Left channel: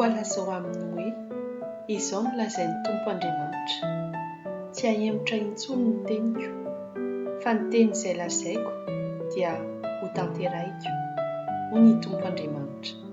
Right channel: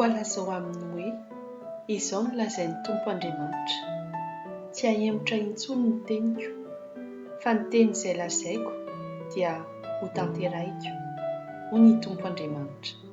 Voalaza ho aminy hoe izao no lazain'ny Tompo Andriamanitra. Tsy hahemotra intsony ny teniko, fa ny teny izay lazaiko dia ho tanterahiko, hoy ny Tompo Andriamanitra.